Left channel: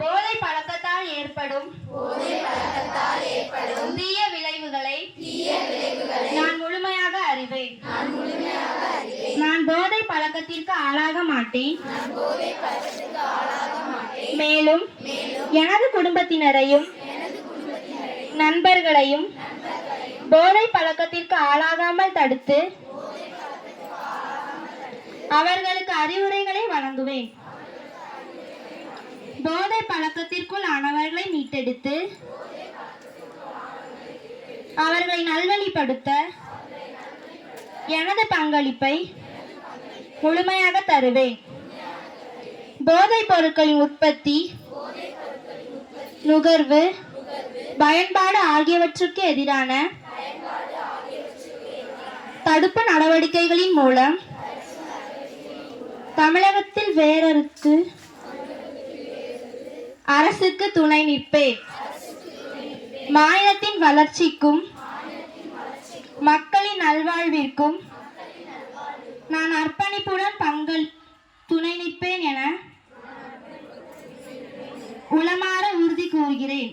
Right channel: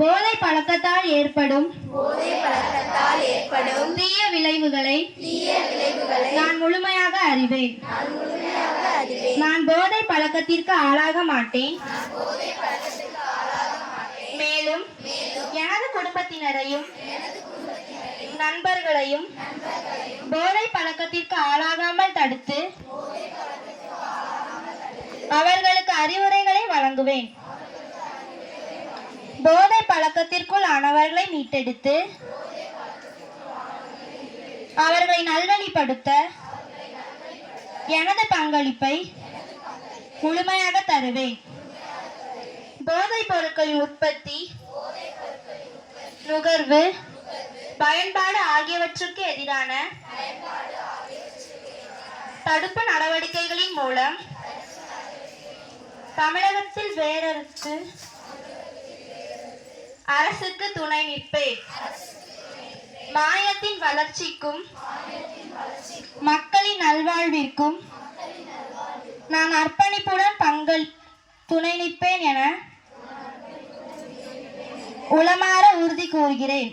போதை பழக்கத்தால் ஏற்படும் தீய விளைவுகளை நான் முழுமையாக அறிவேன். நான் போதை பழக்கத்திற்கு ஆளாக மாட்டேன். மேலும் எனது குடும்பத்தினரையும் நண்பர்களையும் போதை பழக்கத்திற்கு ஆளாகாமல் தடுத்து அவர்களுக்கு அறிவுரைகளை வழங்குவேன். போதை பழக்கத்திற்குள் ஆனவர்களை மீட்டெடுத்து அவர்களை நல்வழிப்படுத்த எனது பங்களிப்பை முழுமையாக தருவேன். போதைப் பொருட்களின் உற்பத்தி, நுகர்வு, பயன்பாடு ஆகியவற்றுக்கு எதிரான தடுப்பு நடவடிக்கைகளின் மூலம் தமிழகத்தில் வேரறுத்து அரசுக்கு துணை நிற்பேன். மாநிலத்தின் வளர்ச்சிக்கும் மக்களின் நல்வாழ்விற்கும் நான் அர்ப்பணிப்புடன் துணை நிற்பேன் என உளமாற உறுதி கூறுகிறேன்.